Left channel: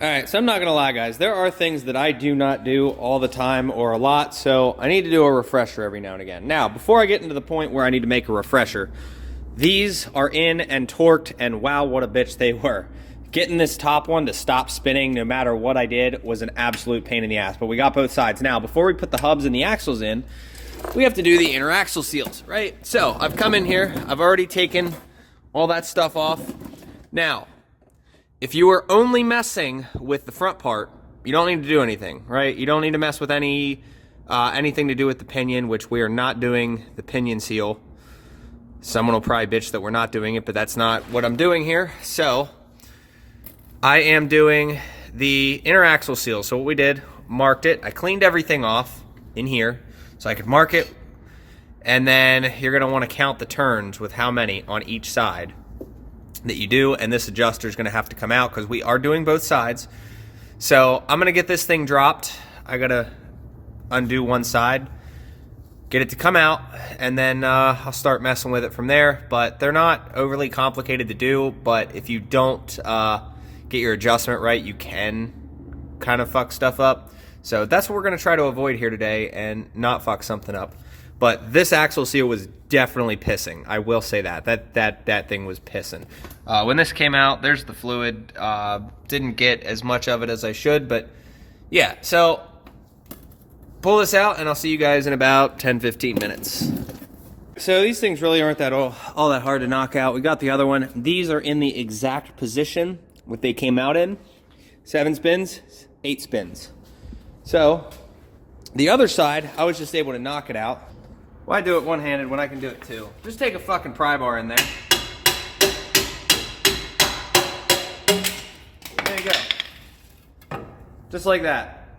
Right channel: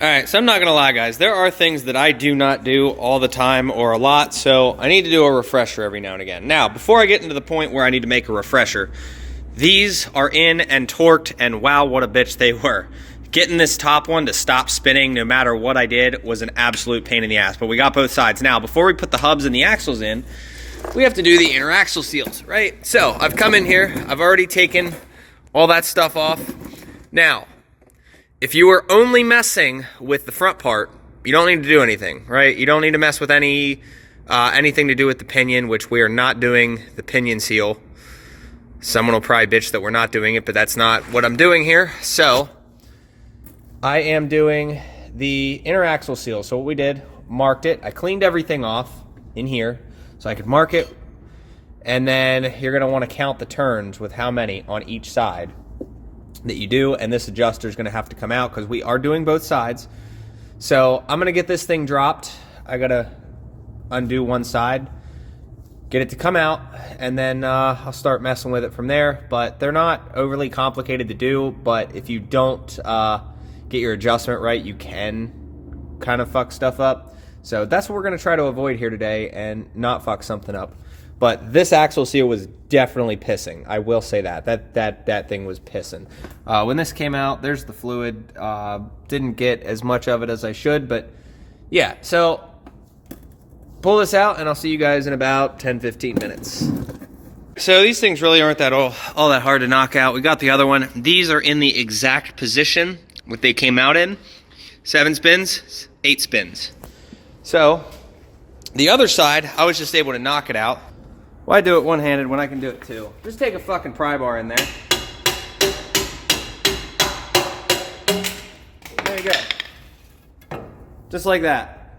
All right, so I'm not gonna lie, guys. There are things that I do not do all the time or a lot, so I need to do a refresher every now and again. Now, before I get into the point where I need to make a refresher, these are in and torqued, and wow, what a bitch they were. Getting this top one to stop spinning no matter what I did was an absolute pain in the ass, but we got both sides. Now, before we put the hubs and the axles in, we have to do the inner axle seals, right? So, I've come in here, I've already taken all that stuff off. Now, if you are only messing with the front part, you don't need to do anything, right? You don't need to mess with anything to do with the pinion, which we are not doing the pinion seal. Someone will probably bitch that we're not doing it, but that's not what I'm doing here. So, I am doing the inner axle seal. So what we did, marked it. I cleaned everything off in here so I could mark it. And then you're gonna wanna count the turns with how many on each side that you do, and this adjuster is going to have to come out because we are doing both sides. So I'm going to get this thing dropped. I got to undo one side, get it to come out, and then I'll start messing with it from there. But they're not overly complicated to do, but if you don't get your adjustment right, you can kind of fuck stuff up. So that's what we're going to try to avoid here today and not fuck something up. But this axle seal was definitely pissing. I will say that. That thing was pissing. When this came out, there's the fluid. Didn't get as much of it as I should, but yeah. So pull this out, and I'll see you guys in about 10-15 minutes. So these things really aren't that all that hard to knock out. We got the other one. These are in the exact position what they came out in. 7 spins, 8 spins. So the other side, I was just able to knock it out. Why do it one-handed when I can do it two? Just take a fucking pry bar in there. There you go. Just like that.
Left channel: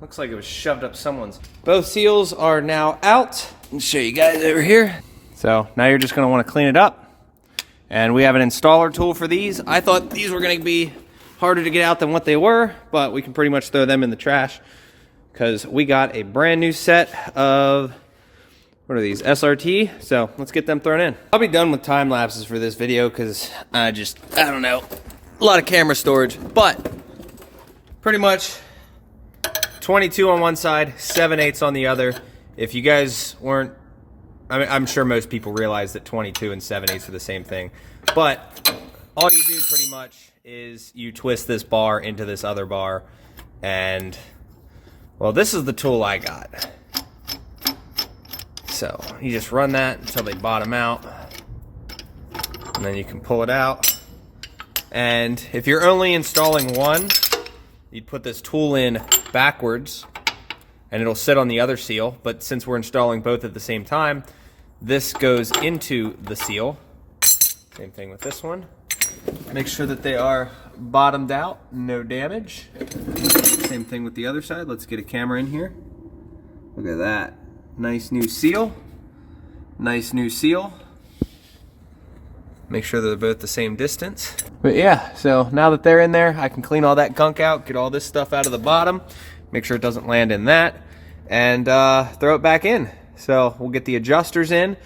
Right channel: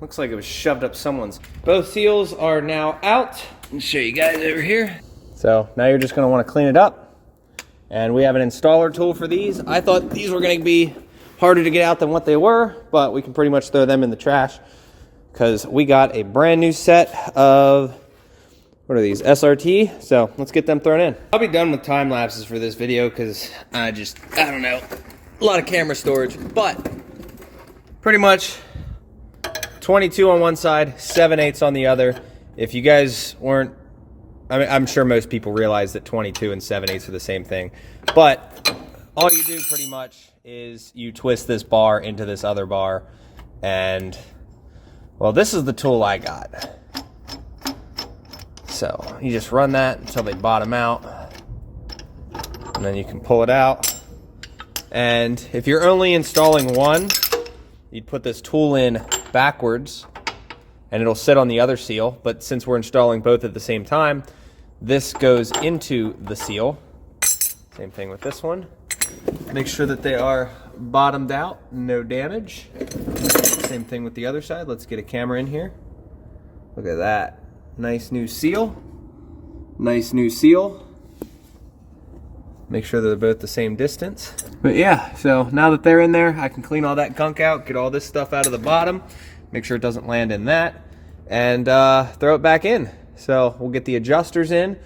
Looks like it was shoved up someone's. Both seals are now out. Let me show you guys over here. So now you're just gonna wanna clean it up. And we have an installer tool for these. I thought these were gonna be harder to get out than what they were, but we can pretty much throw them in the trash because we got a brand new set of, what are these, SRT? So let's get them thrown in. I'll be done with time lapses for this video because I don't know, a lot of camera storage, but pretty much 22 on one side, 7/8 on the other. If you guys weren't, I mean, I'm sure most people realize that 22 and 7/8 are the same thing, but all you do pretty much is you twist this bar into this other bar, and well, this is the tool I got. So you just run that until they bottom out, and then you can pull it out. And if you're only installing one, you'd put this tool in backwards and it'll sit on the other seal. But since we're installing both at the same time, this goes into the seal. Same thing with this one. Make sure that they are bottomed out, no damage. Same thing with the other side. Let's get a camera in here. Look at that. Nice new seal. Nice new seal. Make sure they're both the same distance. But yeah, so now that they're in there, I can clean all that gunk out, get all this stuff out of the bottom, make sure it doesn't land in that, and throw it back in. So we'll get the adjusters in.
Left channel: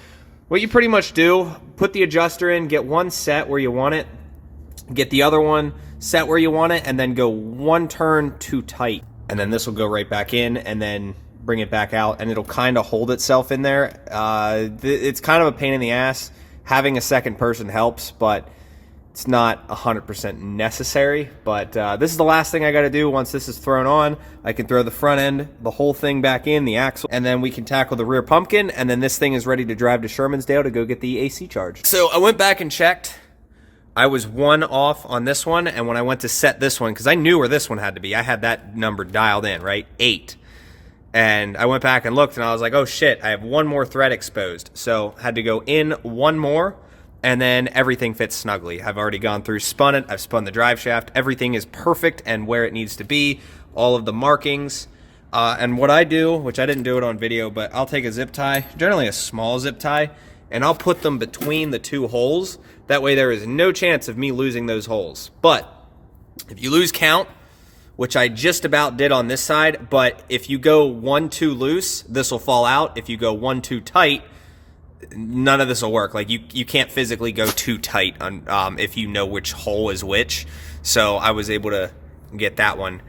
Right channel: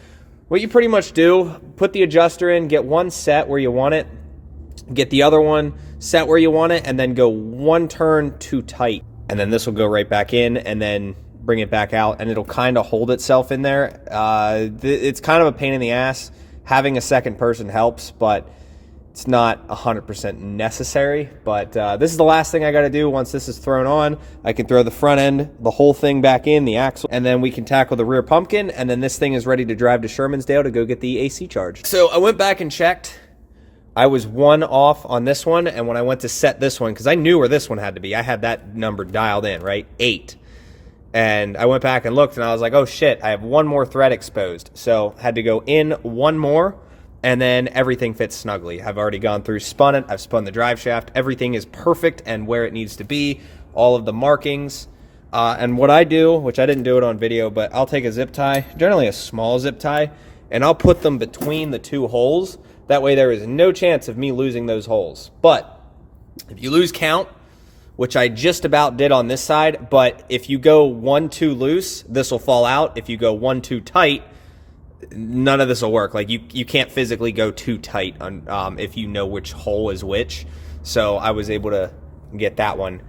What you pretty much do, put the adjuster in, get one set where you want it, get the other one set where you want it, and then go one turn too tight. And then this will go right back in, and then bring it back out, and it'll kind of hold itself in there. It's kind of a pain in the ass. Having a second person helps, but it's not 100% necessary. But this is the last thing I got to do. Once this is thrown on, I can throw the front end, the whole thing back in, the axle, and then we can tackle the rear pumpkin, and then this thing is ready to drive to Shermansdale to go get the AC charged. So I went back and checked. I was 1 off on this one, and when I went to set this one, because I knew where this one had to be, I had that number dialed in, right? 8. And I went back and looked, and I was like, oh shit, I have one more thread exposed. So had to go in one more, and then everything fits snugly. I've already gone through, spun it, I've spun the drive shaft. Everything is perfect and where it needs to be. All of the markings. And what I do, which I didn't do it on video, but I'll take a zip tie, generally a small zip tie, and I'll put them between the 2 holes. That way there is no chance of me losing those holes. But if you lose count, which I just about did on this side, but if you go 1 too loose, this will fall out. If you go 1 too tight, none of this will work. Like you can't physically go too tight on, if you know which hole is which. So I was able to get that one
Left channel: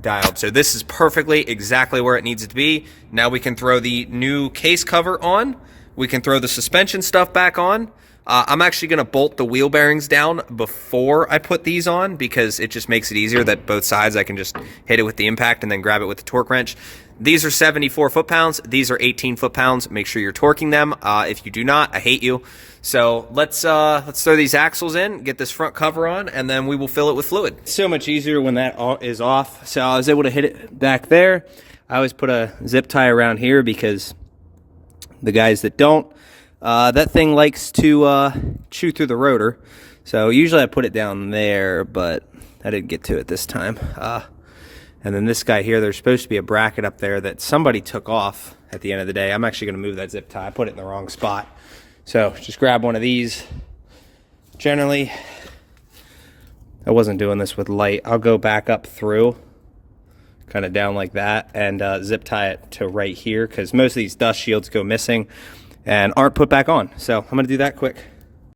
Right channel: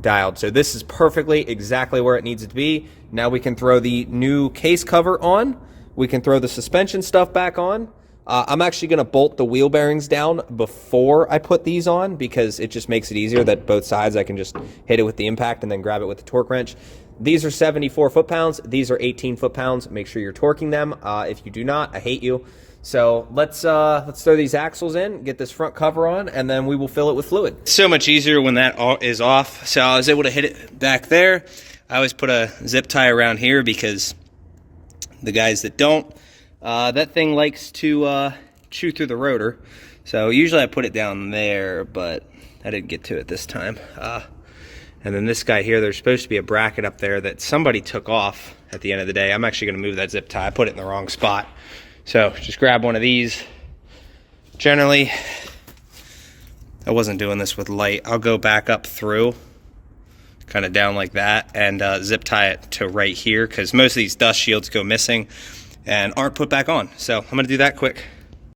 dialed. So this is perfectly exactly where it needs to be. Now we can throw the new case cover on. We can throw the suspension stuff back on. I'm actually going to bolt the wheel bearings down before I put these on because it just makes it easier that both sides I can just hit it with the impact and then grab it with the torque wrench. These are 74 foot-pounds. These are 18 foot-pounds. Make sure you're torquing them. If you do not, I hate you. So let's throw these axles in, get this front cover on, and then we will fill it with fluid. So much easier when that is off. So I was able to hit it back there. I always put a zip tie around here because the guys that don't, that thing likes to chew through the rotor. So usually I put it down there, but I didn't get to it this time. And then this guy here, there's supposed to be a bracket up there that somebody took off at the end of the day. I'm actually going to move that zip tie. I put it in the wrong spot. So just grab one of these. Generally, I wasn't doing this with light. I'll go back up through, kind of down like that, and zip tie it to right here because most of these dust shields go missing and aren't put back on. So I'm going to do that quick.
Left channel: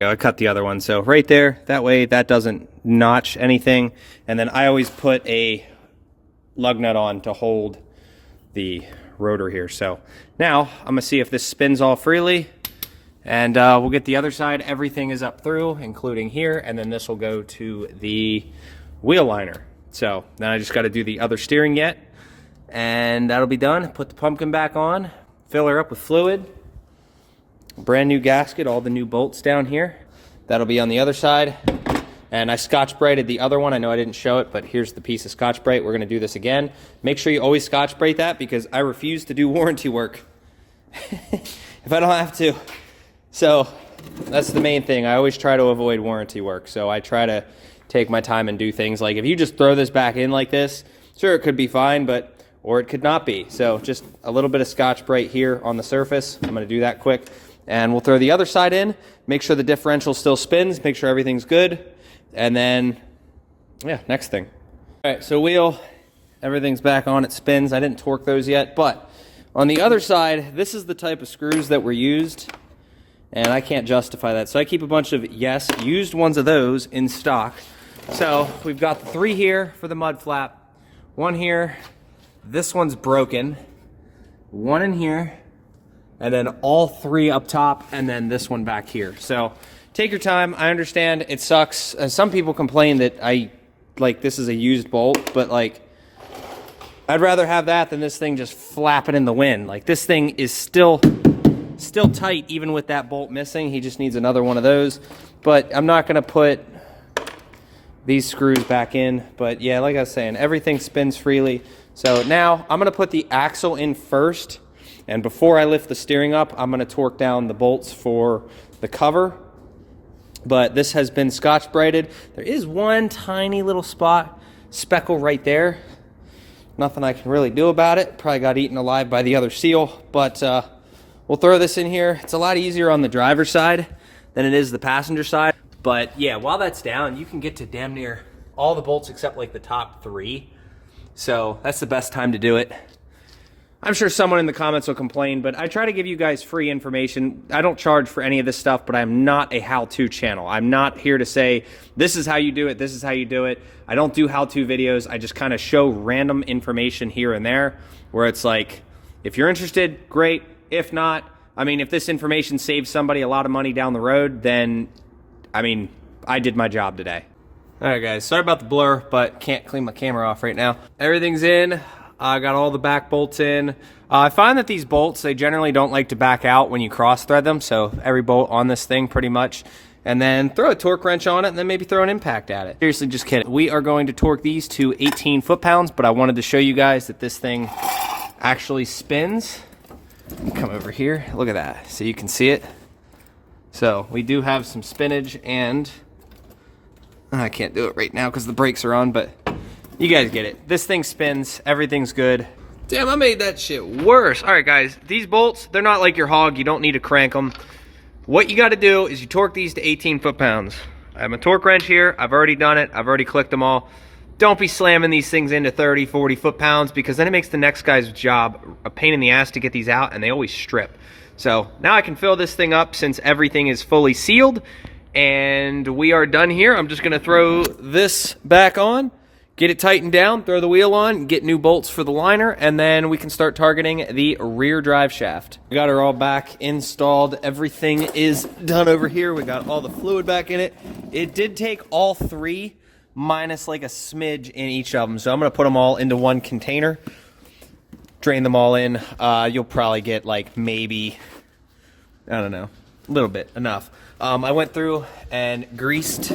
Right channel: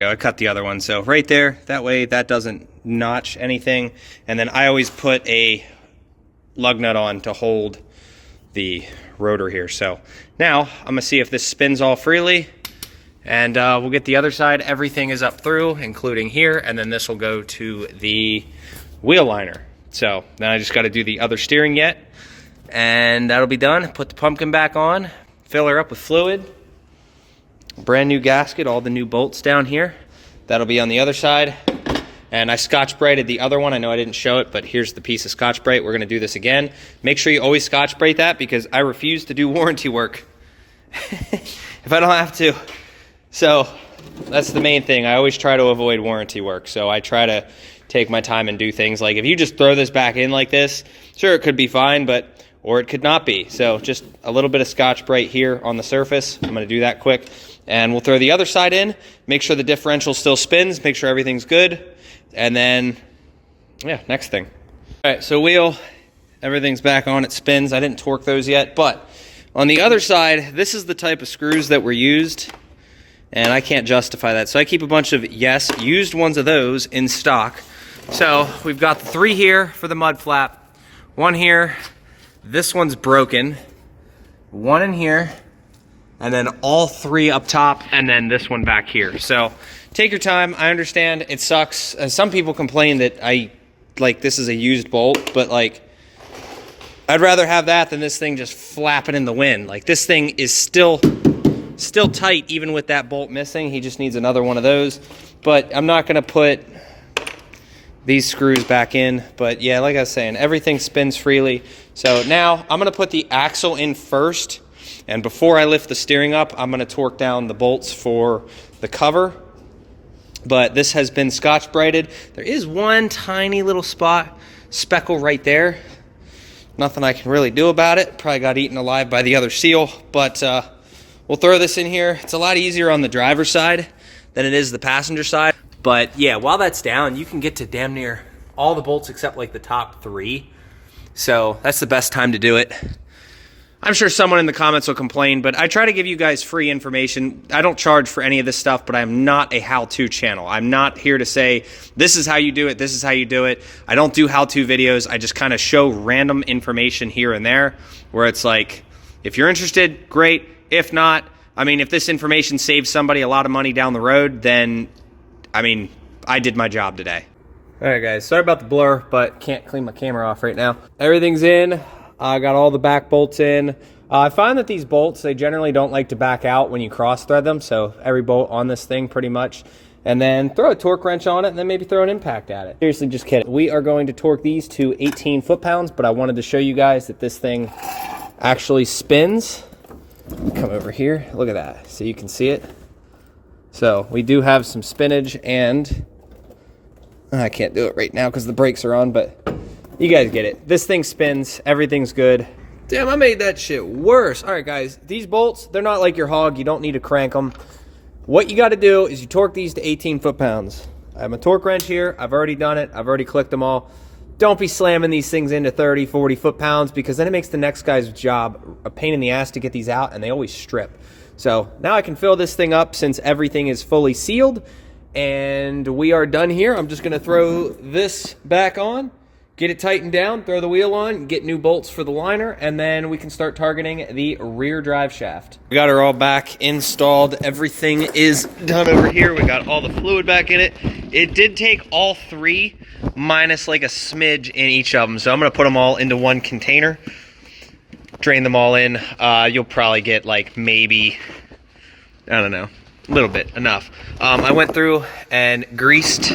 I cut the other one. So right there, that way that doesn't notch anything. And then I always put a lug nut on to hold the rotor here. So now I'm gonna see if this spins all freely, and we'll get the other side. Everything is up through, including here, and then this will go to the wheel liner. So then I just got to do the other steering yet, and that'll be done. Put the pumpkin back on, fill her up with fluid, brand new gasket, all the new bolts down here. That'll be on the other side. And I Scotch-Brighted the other one. I know I didn't show it, but here's the piece of Scotch-Brite. We're going to do this again. Make sure you always Scotch-Brite that because I refuse to do warranty work if I don't have to. So that's the main thing. I always try to avoid warranty work. So I try to take my time and do things like if you just throw this back in like this, sure, it could be fine, but or it could not be. So just a little bit of Scotch-Brite here on the surface. I'm going to do that quick. And we'll throw the other side in. Make sure the differential still spins. Make sure everything's good. And then, yeah, next thing. All right, so wheel, everything's back on, it spins. I didn't torque those yet, but on the other side, this is the type of screws that were used, and I can't justify that. So I keep a bunch of, yes, used ones of those in stock. So we've got the 3 here for the mud flap, 1 here, this one's broken, 1 in here, and then all 3 up top, and then this one back here. So take your time. I understand it sucks. Some people complain that this is a used bolt, but like I'd rather have that than this thing just flapping in the wind. Like this thing is still tight even with that bolt missing. He just needs another one of those. But I'm not going to put these screws back in. But yeah, like I was saying, everything spins freely. So now I'm going to put the axle in first. And before I lift the steering up, I'm going to torque down the bolts for the cover. But this has been Scotch-Brighted. There is one tiny little speckle right there. Nothing I can really do about it. Probably got eaten alive by the other seal. But we'll throw this in here. It's a lot easier on the driver's side than it is the passenger side. But yeah, while that's down, you can get to damn near all the bolts except like the top 3. So that's the best time to do it. I'm sure someone in the comments will complain, but I try to give you guys free information. I don't charge for any of this stuff, but I'm not a how-to channel. I'm not here to say, this is how you do it, this is how you do it. I don't do how-to videos. I just kind of show random information here and there where it's like, if you're interested, great. If not, I mean, if this information saves somebody a lot of money down the road, then, I mean, I did my job today. All right, guys, sorry about the blur, but can't clean my camera off right now. Everything's in. I got all the back bolts in. I find that these bolts, they generally don't like to back out when you cross thread them. So every bolt on this thing pretty much. And then throw a torque wrench on it and then maybe throw an impact at it. Seriously, just kidding. We are going to torque these to 18 foot-pounds, but I wanted to show you guys that this thing actually spins. Come over here, look at that. So you can see it. So we do have some spinach and I can't do it right now because the brakes are on, but you guys get it. This thing spins. Everything's good. Damn, I made that shit worse. All right, guys. These bolts, they're not like your hog. You don't need to crank them. What you got to do is you torque these to 18 foot-pounds. I have my torque wrench here. I've already done it. I've already clicked them all. Don't be slamming these things into 30, 40 foot-pounds because then it makes the next guy's job a pain in the ass to get these out, and they always strip. So now I can fill this thing up since everything is fully sealed, and we are done here. I'm just going to throw this back on, get it tightened down, throw the wheel on, get new bolts for the liner, and then we can start targeting the rear drive shaft. We got her all back installed. Everything is done over here. We got all the fluid back in it. It did take all three, minus like a smidge in each of them. So I'm gonna put them all into one container, drain them all in. You'll probably get like maybe, I don't know, a little bit, enough. I went through and greased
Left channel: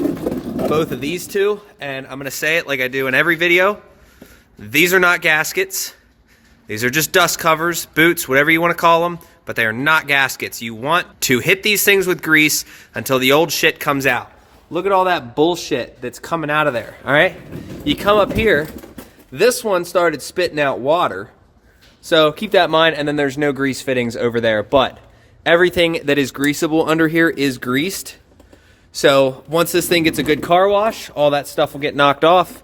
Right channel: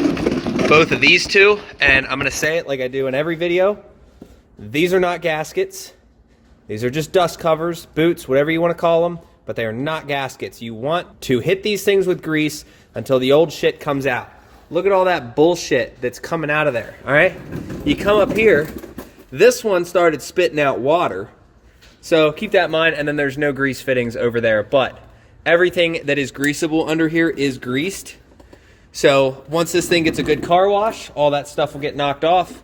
both of these two, and I'm gonna say it like I do in every video. These are not gaskets. These are just dust covers, boots, whatever you wanna call them, but they are not gaskets. You want to hit these things with grease until the old shit comes out. Look at all that bullshit that's coming out of there, all right? You come up here, this one started spitting out water, so keep that in mind, and then there's no grease fittings over there, but everything that is greasable under here is greased. So once this thing gets a good car wash, all that stuff will get knocked off.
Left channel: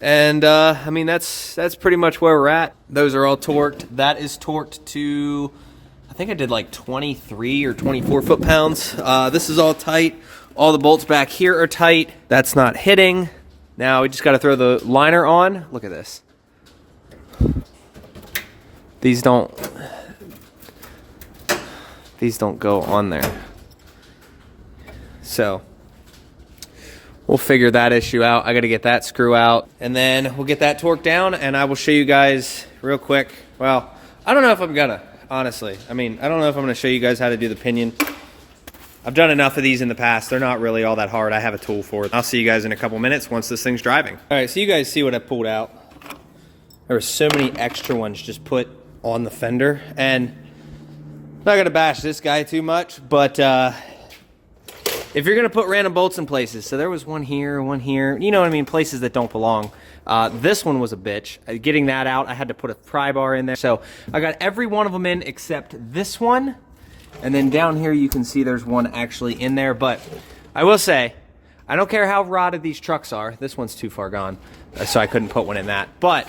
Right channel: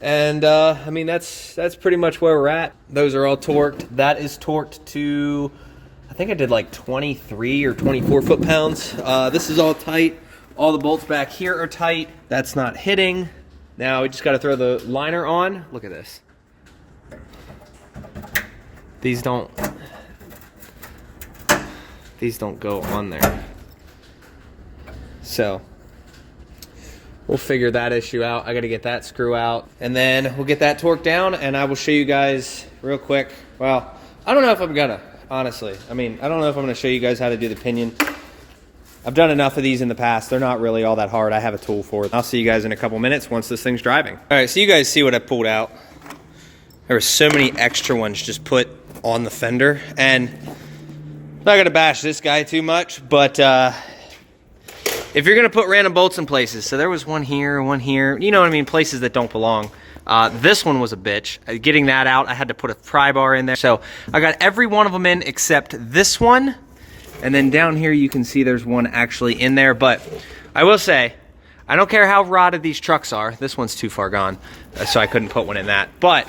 And I mean, that's pretty much where we're at. Those are all torqued. That is torqued to, I think I did like 23 or 24 foot-pounds. This is all tight. All the bolts back here are tight. That's not hitting. Now we just got to throw the liner on. Look at this. These don't go on there. So we'll figure that issue out. I got to get that screw out, and then we'll get that torqued down, and I will show you guys real quick. Well, I don't know if I'm gonna, honestly. I mean, I don't know if I'm gonna show you guys how to do the pinion. I've done enough of these in the past. They're not really all that hard. I have a tool for it. I'll see you guys in a couple minutes once this thing's driving. All right, so you guys see what I pulled out. There were so many extra ones just put on the fender, and I'm not gonna bash this guy too much, but if you're gonna put random bolts in places, so there was one here, you know what I mean, places that don't belong. This one was a bitch. Getting that out, I had to put a pry bar in there. So I got every one of them in except this one. And then down here you can see there's one actually in there. But I will say, I don't care how rotted these trucks are. This one's too far gone, so I couldn't put one in that. But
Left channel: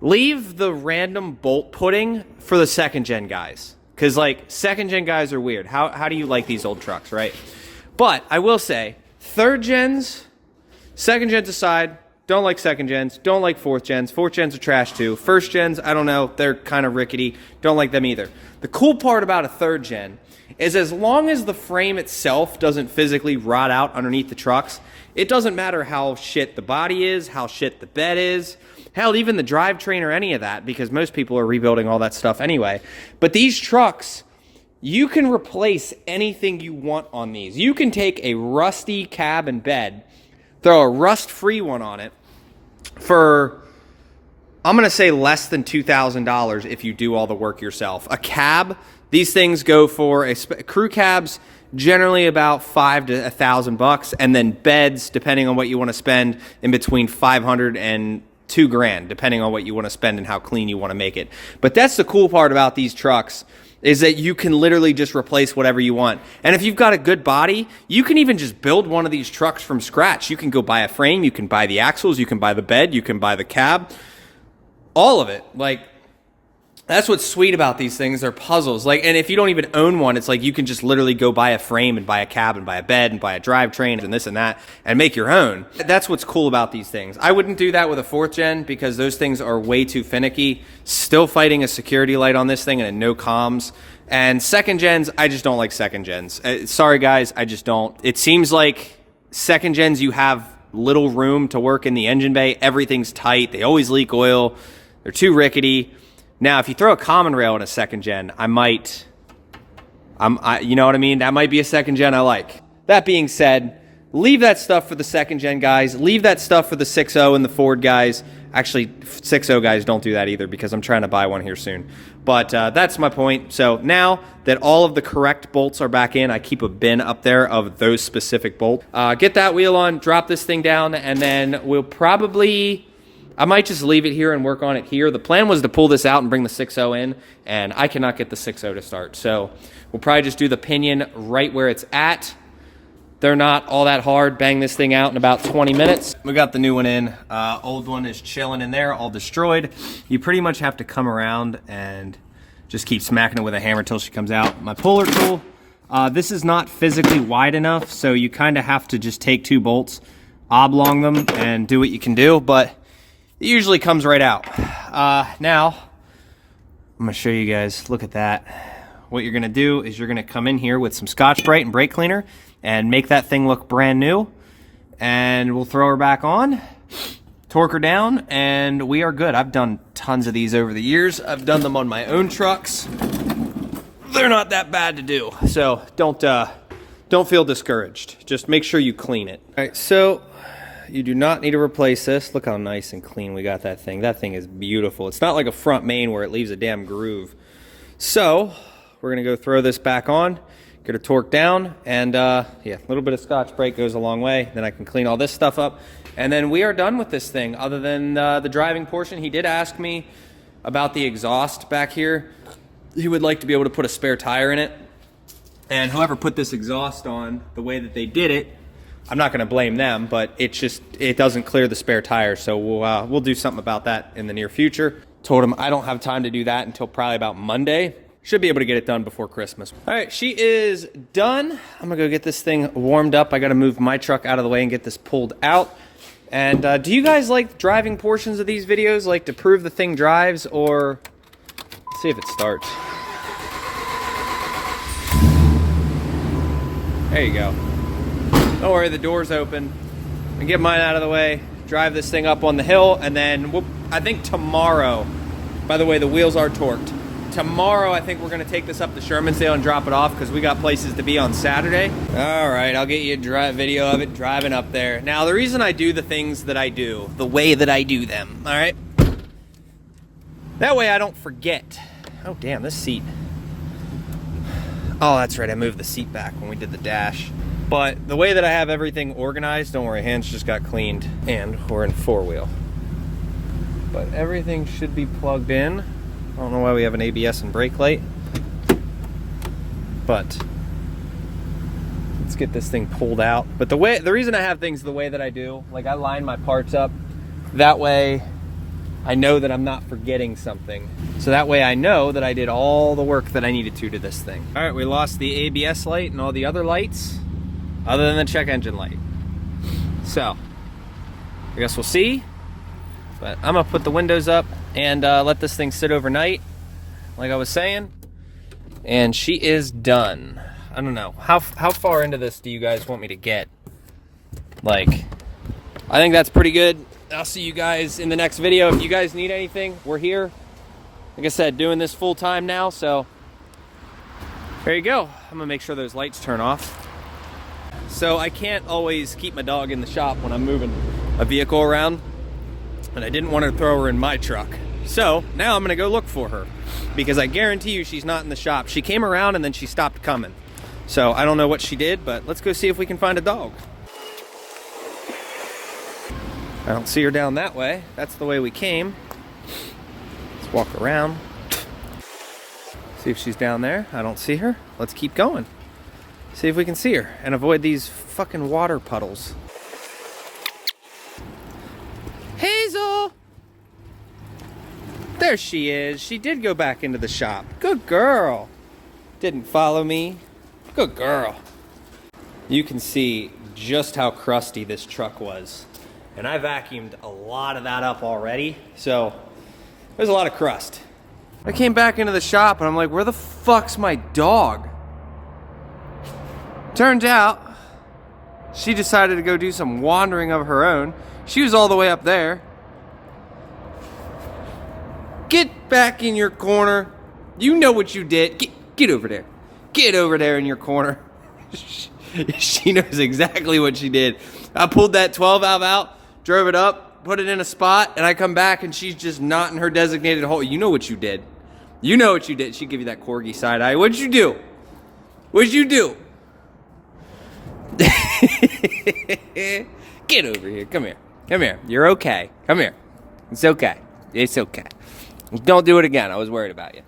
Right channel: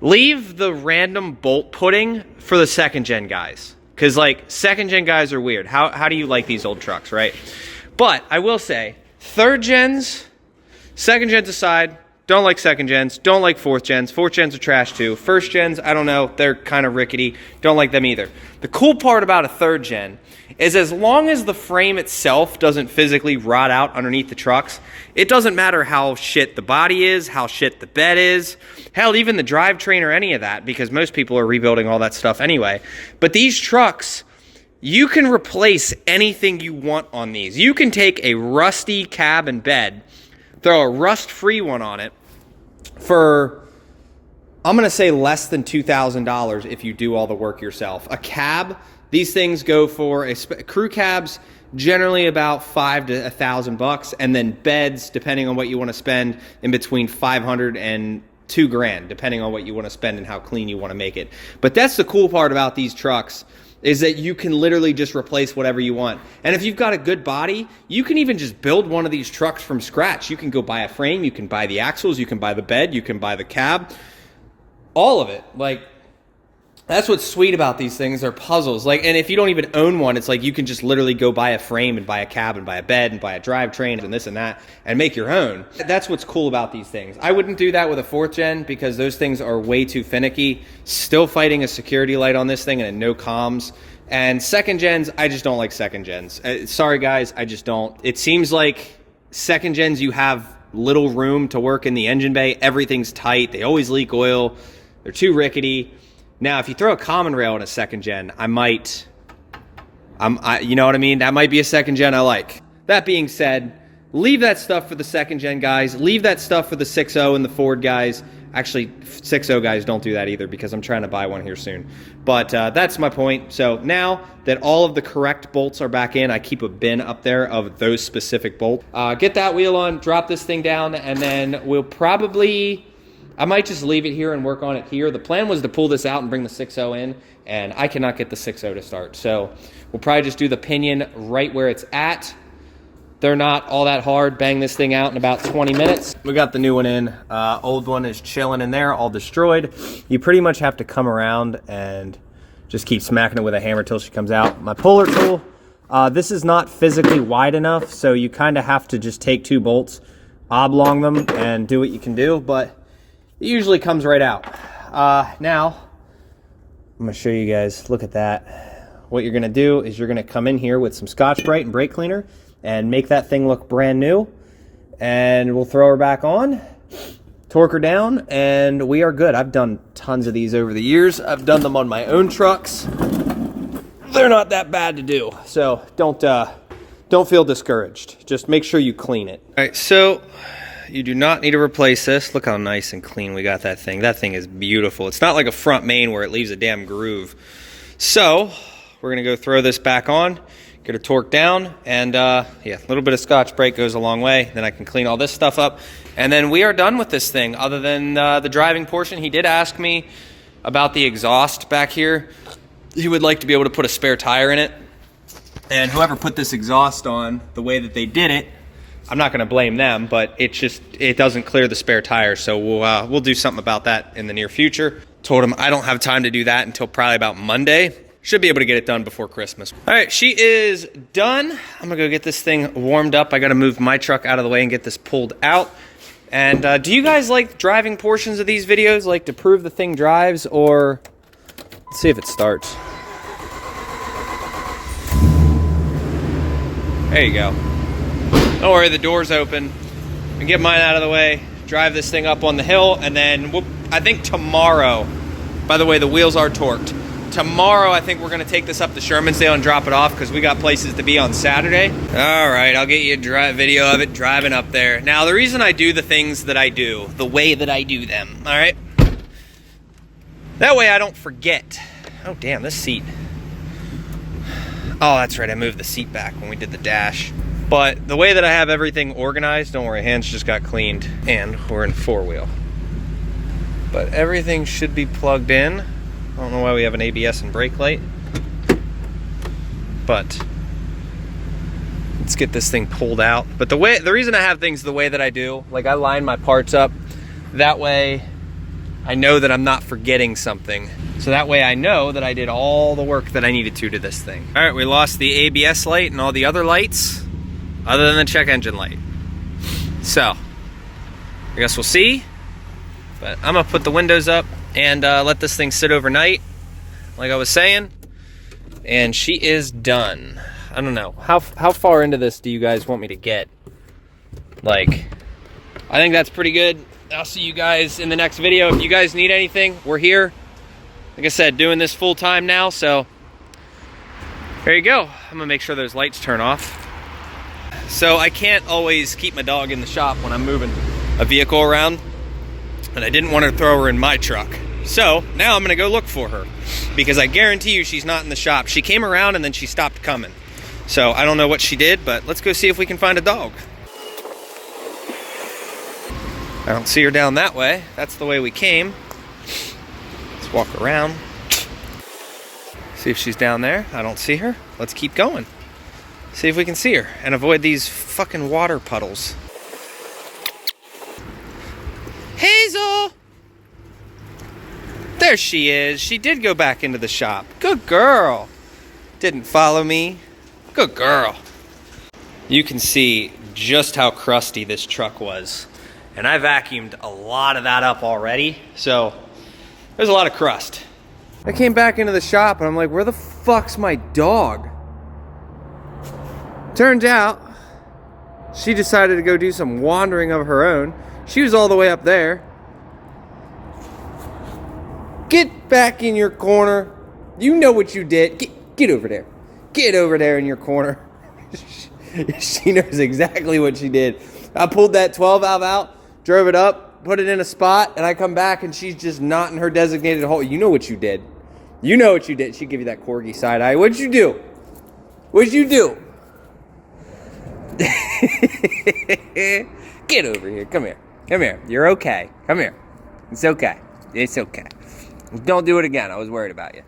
leave the random bolt putting for the second gen guys. Because, like, second gen guys are weird. How do you like these old trucks, right? But I will say, third gens, second gens aside, don't like second gens, don't like fourth gens. Fourth gens are trash too. First gens, I don't know, they're kind of rickety. Don't like them either. The cool part about a third gen is as long as the frame itself doesn't physically rot out underneath the trucks, it doesn't matter how shit the body is, how shit the bed is, hell, even the drivetrain or any of that, because most people are rebuilding all that stuff anyway. But these trucks, you can replace anything you want on these. You can take a rusty cab and bed, throw a rust-free one on it for, I'm going to say less than $2,000 if you do all the work yourself. A cab, these things go for, crew cabs, generally about $5,000 to $1,000, and then beds, depending on what you want to spend, in between $500 and $2,000, depending on what you want to spend and how clean you want to make it. But that's the cool part about these trucks, is that you can literally just replace whatever you want. And if you've got a good body, you can even just build one of these trucks from scratch. You can go buy a frame, you can buy the axles, you can buy the bed, you can buy the cab, all of it. Like, that's what's sweet about these things. They're puzzles. Like, and if you don't even own one, it's like you can just literally go buy a frame and buy a cab and buy a bed and buy a drivetrain and this and that and make your own. That's what's cool about these things. I wouldn't do that with a fourth gen because those things are way too finicky. Still fighting a security light on this thing and no comms. And second gens, I just don't like second gens. Sorry guys, I just don't. It seems like second gens, you have little room to work in the engine bay. Everything's tight. They always leak oil. They're too rickety. Now, if you throw a common rail in a second gen, you know what I mean? That might be a second gen I like. That being said, leave that stuff for the second gen guys. Leave that stuff for the 6.0 and the Ford guys. Actually, 6.0 guys don't do that either because I'm trying to buy one here soon. But that's my point. So now that all of the correct bolts are back in, I keep a bin up there of those specific bolts. Get that wheel on, drop this thing down, and then we'll probably... I might just leave it here and work on it here. The plan was to pull this out and bring the 6.0 in, and I cannot get the 6.0 to start. So we'll probably just do the pinion right where it's at. They're not all that hard. Bang this thing out in about 20 minutes. We got the new one in. Old one is chilling in there, all destroyed. You pretty much have to come around and just keep smacking it with a hammer till she comes out. My puller tool, this is not physically wide enough, so you kind of have to just take two bolts, oblong them and do what you can do, but it usually comes right out. Now, I'm gonna show you guys, look at that. What you're gonna do is you're gonna come in here with some Scotch-Brite and brake cleaner and make that thing look brand new. And we'll throw her back on, torque her down, and we are good. I've done tons of these over the years. I've done them on my own trucks. They're not that bad to do, so don't feel discouraged. Just make sure you clean it. All right, so you do not need to replace this. Look how nice and clean we got that thing. That thing is beautiful. It's not like a front main where it leaves a damn groove. So we're gonna go throw this back on, get it torqued down, and yeah, a little bit of Scotch-Brite goes a long way. Then I can clean all this stuff up, and then we are done with this thing. Other than the driving portion, he did ask me about the exhaust back here. He would like to be able to put a spare tire in it, and whoever put this exhaust on the way that they did it, I'm not going to blame them, but it doesn't clear the spare tire, so we'll do something about that in the near future. Told him I don't have time to do that until probably about Monday. Should be able to get it done before Christmas. All right, she is done. I'm gonna go get this thing warmed up. I gotta move my truck out of the way and get this pulled out. And do you guys like driving portions of these videos, like to prove the thing drives, or let's see if it starts. There you go. Don't worry, the door's open. And get mine out of the way, drive this thing up on the hill, and then I think tomorrow, by the way, the wheels are torqued. Tomorrow, I think we're gonna take this up to Shermansdale and drop it off because we got places to be on Saturday. All right, I'll get you a video of it driving up there. Now, the reason I do the things that I do, the way that I do them, all right? That way I don't forget. Oh, damn, this seat. Oh, that's right, I moved the seat back when we did the dash. But the way that I have everything organized, don't worry, hands just got cleaned, and we're in four-wheel. But everything should be plugged in. I don't know why we have an ABS and brake light, but let's get this thing pulled out. But the reason I have things the way that I do, like I line my parts up, that way I know that I'm not forgetting something. So that way I know that I did all the work that I needed to this thing. All right, we lost the ABS light and all the other lights, other than the check engine light. So, I guess we'll see. But I'm gonna put the windows up and let this thing sit overnight, like I was saying. And she is done. I don't know. How far into this do you guys want me to get? Like, I think that's pretty good. I'll see you guys in the next video. If you guys need anything, we're here. Like I said, doing this full time now, so there you go. I'm gonna make sure those lights turn off. So I can't always keep my dog in the shop when I'm moving a vehicle around. And I didn't want to throw her in my truck. So now I'm gonna go look for her because I guarantee you she's not in the shop. She came around and then she stopped coming. So I don't know what she did, but let's go see if we can find a dog. I don't see her down that way. That's the way we came. Let's walk around. See if she's down there. I don't see her. Let's keep going. See if we can see her and avoid these fucking water puddles. Hazel! There she is. She did go back into the shop. Good girl. Didn't follow me. Good girl. You can see just how crusty this truck was. And I vacuumed a lot of that up already. So there's a lot of crust. I came back into the shop and I'm like, where the fuck's my dog? Turns out she decided to go do some wandering of her own. She was all the way up there. Get back in your corner. You know what you did. Get over there. Get over there in your corner. She knows exactly what she did. I pulled that 12 valve out, drove it up, put it in a spot, and I come back and she's just not in her designated hole. You know what you did. You know what you did. She'd give you that corgi side eye. What'd you do? What'd you do? Get over here. Come here. Come here. You're okay. Come here. It's okay. It's okay. Don't do it again. I was worried about you.